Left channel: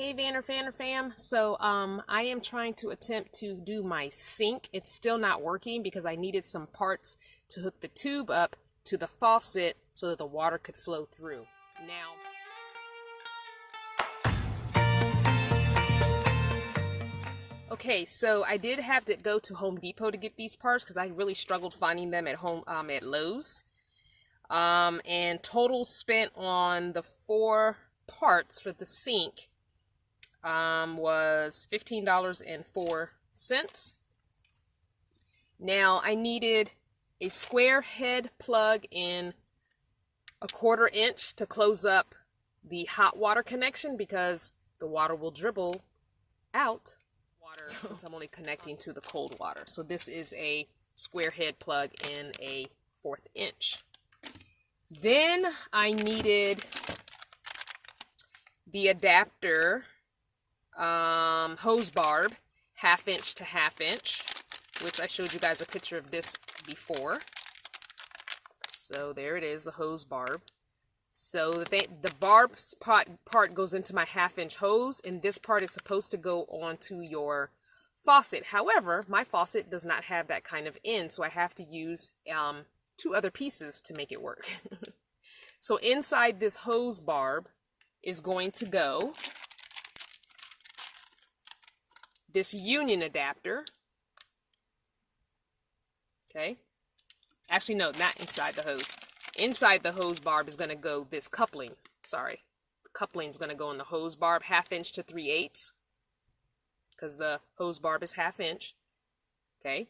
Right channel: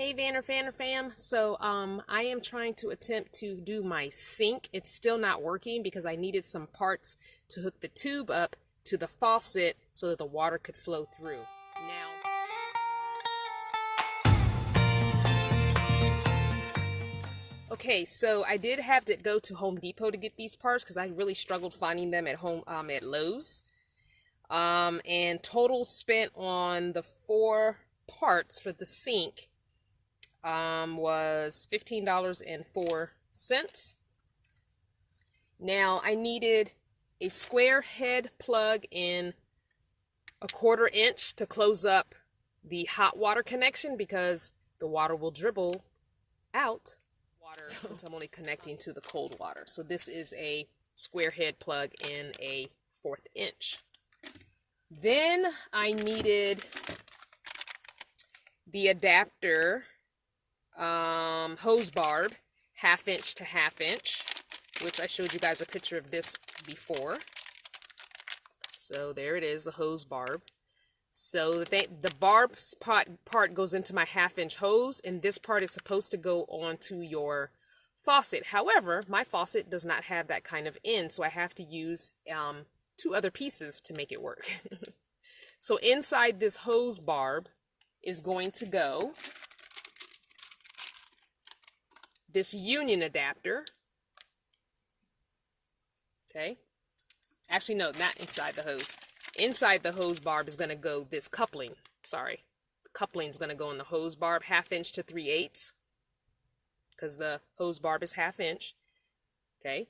Hey Vanner fam. So I am trying to attempt to do my sink. It's still not working because I needed some parts to hook the tube up to the faucet so that the water could flow through. Okay, so I did have to go to Home Depot to get these parts because I really struggled finding them at home at Lowe's. And total spent on the 4 parts for the sink was $15.04. Now I needed a square head plug in 1/4 inch to close up the hot water connection because the water will dribble out since I'm only connecting to the cold water. So this is a square head plug in a 1/4 inch. Then I needed the adapter hose barb, 1/2 inch to 1/2 inch, which I showed you guys a picture of this before. So there it is, the hose barb. So the barb part goes into my 1/2 inch hose, and this part is supposed to go onto your faucet. However, my faucet does not have that kind of end, so I have to use 2 other pieces to make it work. So inside this hose barb is going to go this union adapter. Okay. Actually, no, not inside the hose. Inside the hose barb is going to go this coupling. Sorry. The coupling is going to go in the hose barb, 1/2 inch to 3/8. Because the hose barb is 1/2 inch. Okay.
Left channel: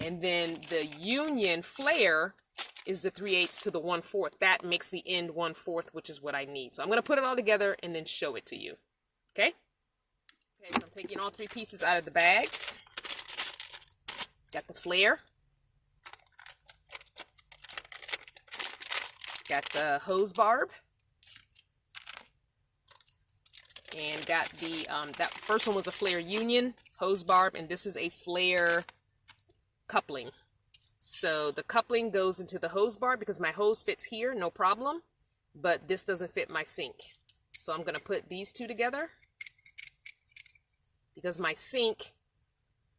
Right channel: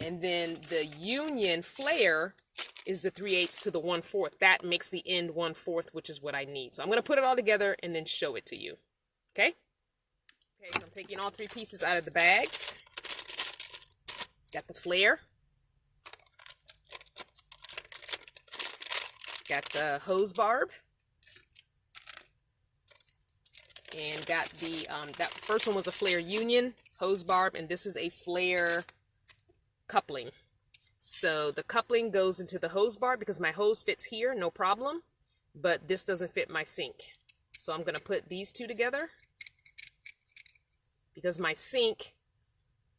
And then the union flare is the 3/8 to the 1/4. That makes the end 1/4, which is what I need. So I'm going to put it all together and then show it to you. Okay? Okay, so I'm taking all 3 pieces out of the bags. Got the flare. Got the hose barb. And got the, that first one was a flare union hose barb, and this is a flare coupling. So the coupling goes into the hose barb because my hose fits here, no problem, but this doesn't fit my sink. So I'm going to put these 2 together because my sink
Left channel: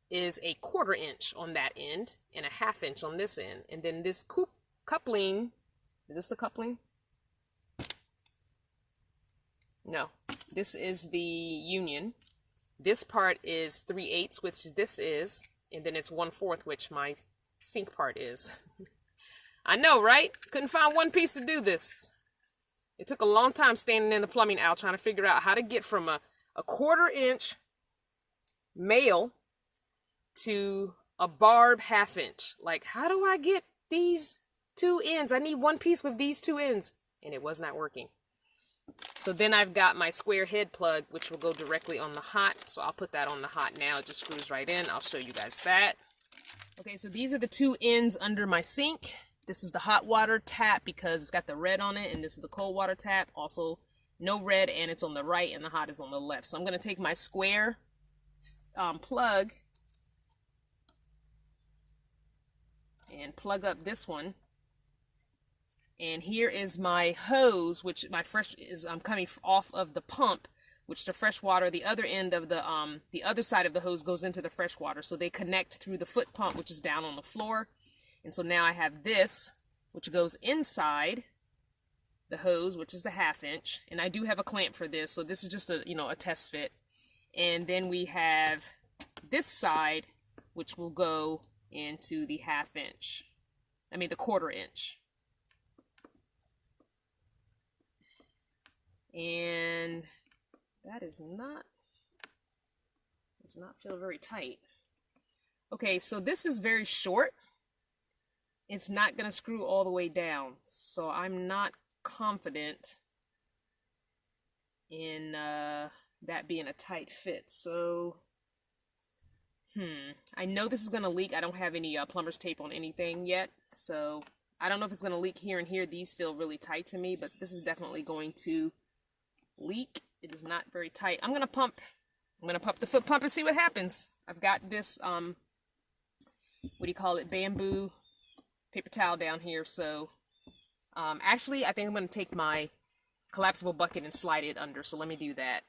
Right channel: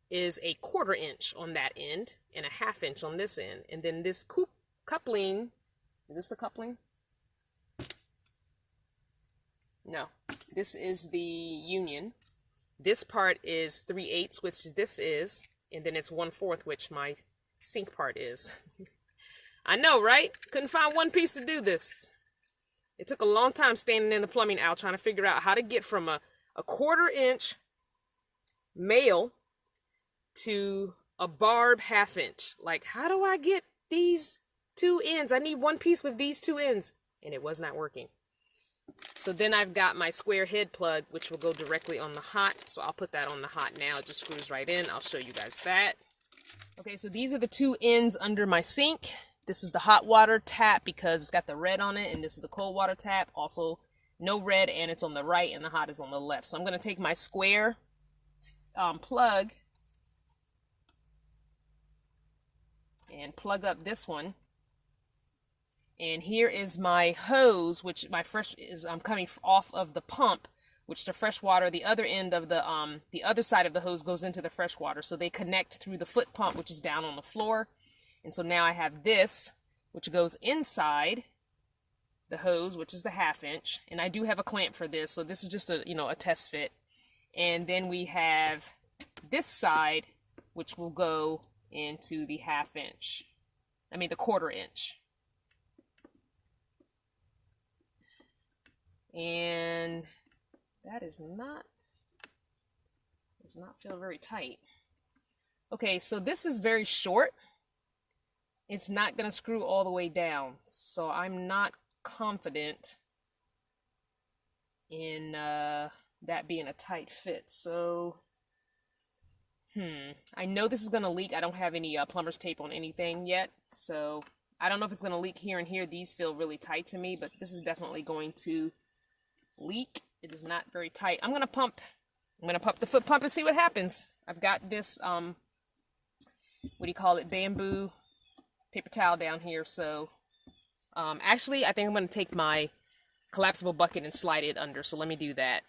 is a 1/4 inch on that end and a 1/2 inch on this end. And then this coupling, is this the coupling? No, this is the union. This part is 3/8, which this is, and then it's 1/4, which my sink part is. I know, right? Couldn't find one piece to do this. It took a long time standing in the plumbing aisle trying to figure out how to get from a 1/4 inch male to a barb 1/2 inch. Like, how do I get these 2 ends? I need one piece with these 2 ends. And it was not working. So then I've got my square head plug, which will go directly on the hot. So I'll put that on the hot now. It just screws right in. I'll show you guys that. Okay, so these are the 2 ends under my sink. This is the hot water tap because it's got the red on it, and this is the cold water tap. Also, no red, and it's on the right, and the hot is on the left. So I'm going to take my square plug and plug up this one. And here is my hose, which my fresh is coming off of the pump, which the fresh water, the other end of the other side of the hose goes into the fresh water. So they connect through the foot pump, which is down on the floor. And so now I have this, which goes inside the hose, which is the 1/2 inch. And I do have a clamp for this. So this is just a, a test fit. And then we have this side, which will go into the 1/2 inch. I mean, the 1/4 inch. And that does not feel very tight. Okay, so this is very short. It's not going to screw all the way down. So I'm not confident in that being a tight fit. So, I know this is going to leak. I don't have any plumber's tape on anything yet. So I don't know if it's going to leak here and here. These feel really tight to me, but this is definitely going to leak. It is not very tight. I'm gonna pump the foot pump and see what happens. I've got this what do you call it, bamboo paper towel down here. So actually I think I'm gonna take my collapsible bucket and slide it under. So let me do that.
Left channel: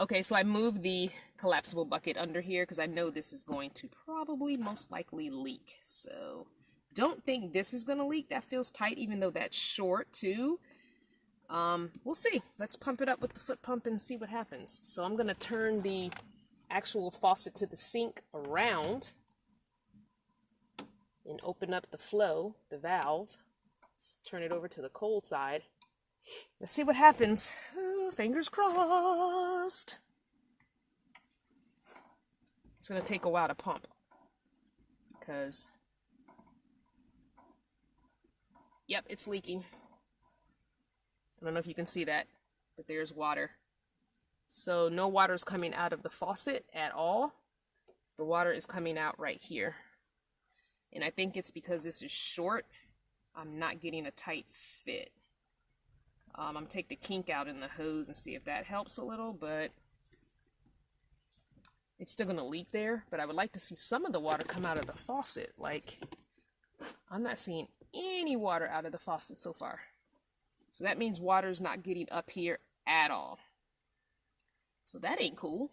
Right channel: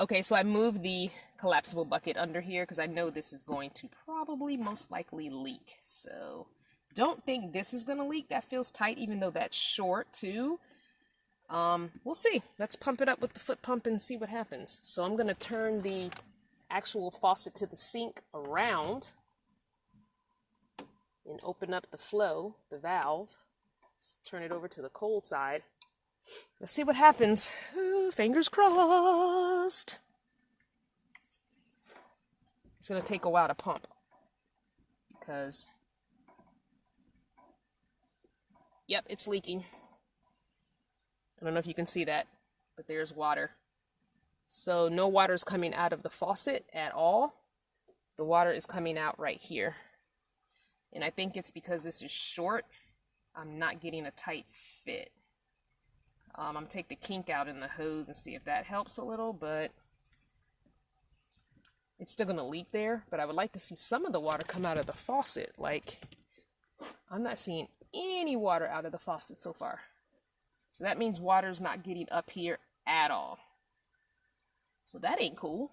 Okay, so I moved the collapsible bucket under here because I know this is going to probably most likely leak. So don't think this is going to leak. That feels tight, even though that's short too. We'll see. Let's pump it up with the foot pump and see what happens. So I'm going to turn the actual faucet to the sink around and open up the flow, the valve. Just turn it over to the cold side. Let's see what happens. Ooh, fingers crossed. It's going to take a while to pump because, yep, it's leaking. I don't know if you can see that, but there's water. So no water is coming out of the faucet at all. The water is coming out right here. And I think it's because this is short. I'm not getting a tight fit. I'm going to take the kink out in the hose and see if that helps a little, but it's still going to leak there. But I would like to see some of the water come out of the faucet. Like, I'm not seeing any water out of the faucet so far. So that means water's not getting up here at all. So that ain't cool.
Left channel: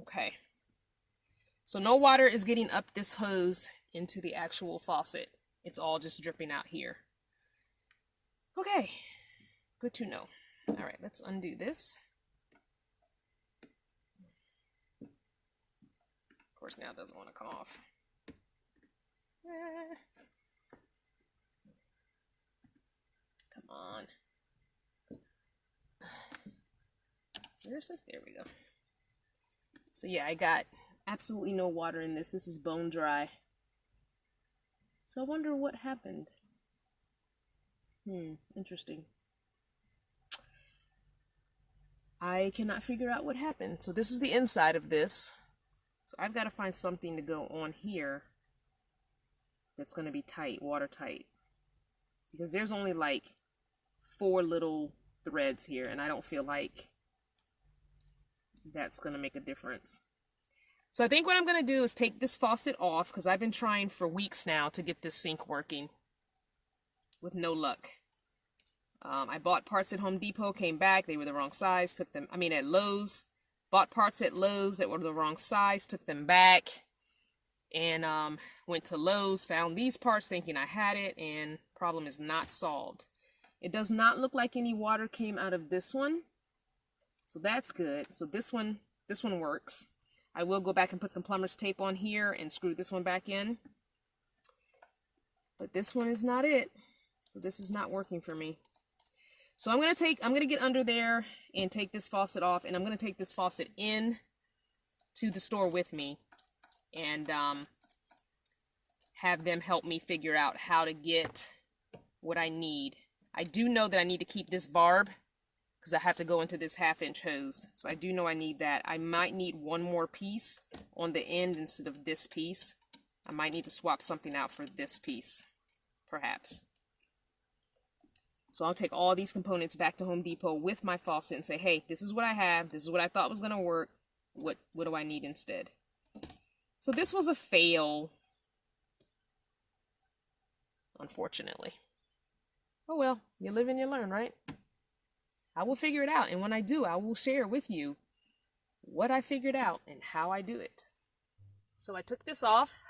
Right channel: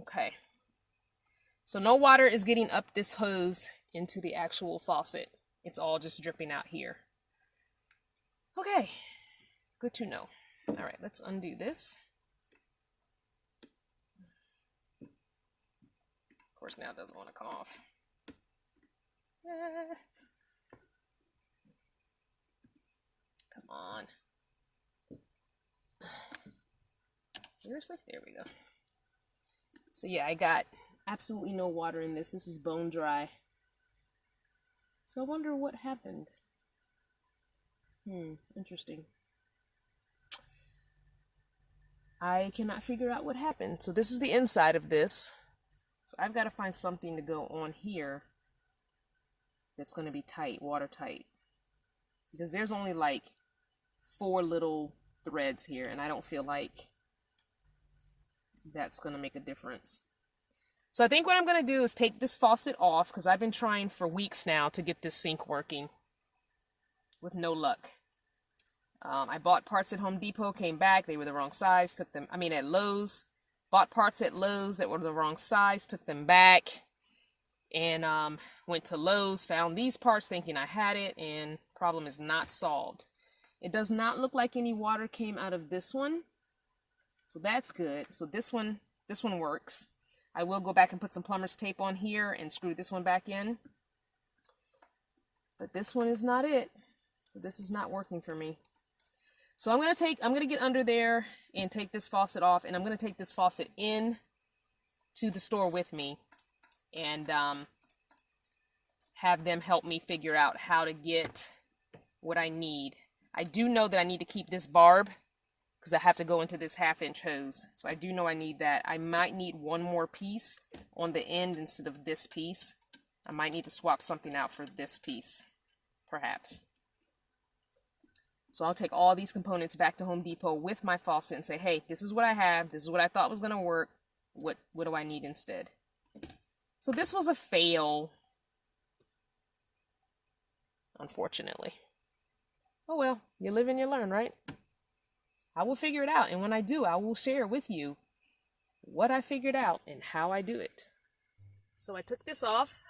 Okay. So no water is getting up this hose into the actual faucet. It's all just dripping out here. Okay. Good to know. All right, let's undo this. Of course, now it doesn't want to come off. Come on. Seriously? There we go. So yeah, I got absolutely no water in this. This is bone dry. So I wonder what happened. Interesting. I cannot figure out what happened. So this is the inside of this. So I've got to find something to go on here that's going to be tight, watertight. Because there's only like 4 little threads here, and I don't feel like that's going to make a difference. So I think what I'm going to do is take this faucet off, because I've been trying for weeks now to get this sink working with no luck. I bought parts at Home Depot, came back, they were the wrong size, took them, at Lowe's. Bought parts at Lowe's that were the wrong size, took them back, and went to Lowe's, found these parts thinking I had it, and problem is not solved. It does not look like any water came out of this one, so that's good. So this one works. I will go back and put some plumber's tape on here and screw this one back in. But this one is not it. So this is not working for me. So I'm going to get under there and take this faucet off, and I'm going to take this faucet in to the store with me and have them help me figure out how to get what I need. I do know that I need to keep this barb because I have to go into this 1/2-inch hose. So I do know I need that. I might need one more piece on the end instead of this piece. I might need to swap something out for this piece, perhaps. So I'll take all these components back to Home Depot with my faucet and say, hey, this is what I have. This is what I thought was going to work. What do I need instead? So this was a fail, unfortunately. Oh well, you live and you learn, right? I will figure it out, and when I do, I will share with you what I figured out and how I do it. So I took this off,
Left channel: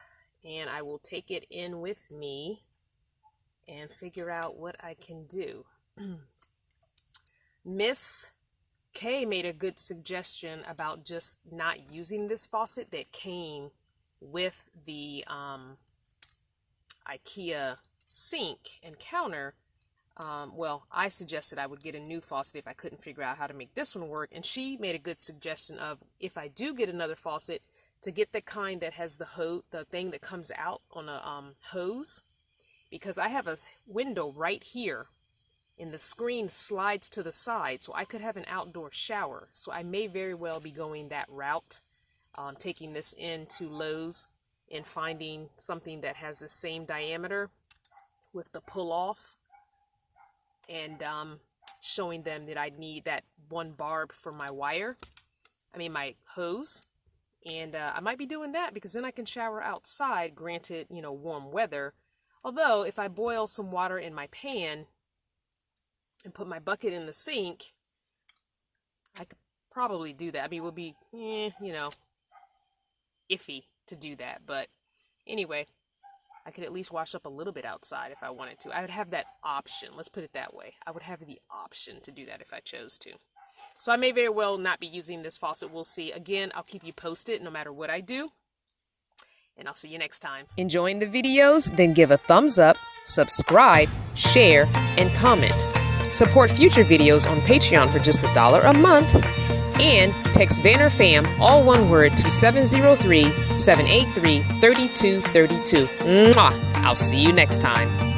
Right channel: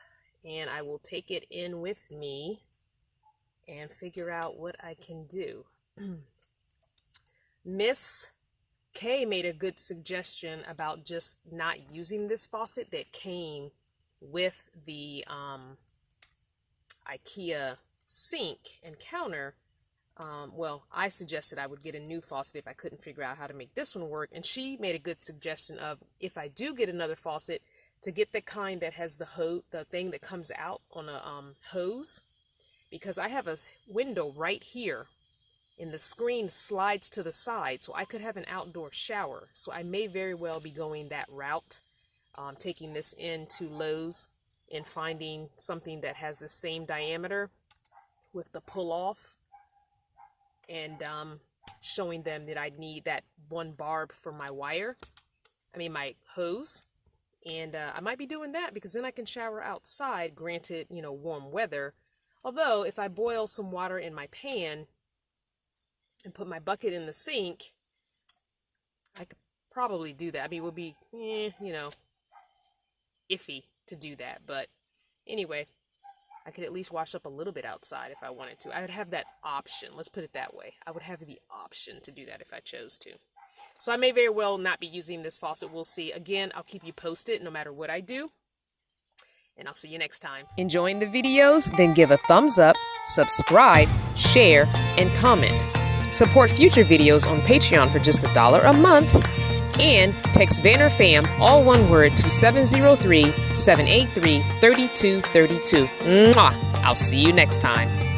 and I will take it in with me and figure out what I can do. Miss K made a good suggestion about just not using this faucet that came with the IKEA sink and counter. Well, I suggested I would get a new faucet if I couldn't figure out how to make this one work, and she made a good suggestion of, if I do get another faucet, to get the kind that has the thing that comes out on a hose, because I have a window right here and the screen slides to the side, so I could have an outdoor shower. So I may very well be going that route, taking this into Lowe's and finding something that has the same diameter with the pull off, and showing them that I need that one barb for my my hose. And I might be doing that because then I can shower outside, granted, warm weather. Although if I boil some water in my pan and put my bucket in the sink, I could probably do that. I mean, it would be, you know, iffy to do that. But anyway, I could at least wash up a little bit outside if I wanted to. I would have that option. Let's put it that way. I would have the option to do that if I chose to. So I may very well not be using this faucet. We'll see. Again, I'll keep you posted no matter what I do. And I'll see you next time. Enjoying the videos? Then give a thumbs up, subscribe, share, and comment. Support future videos on Patreon for just $1 a month. And text VanFam, all one word, to 703-783-3232. Mwah! I'll see you next time.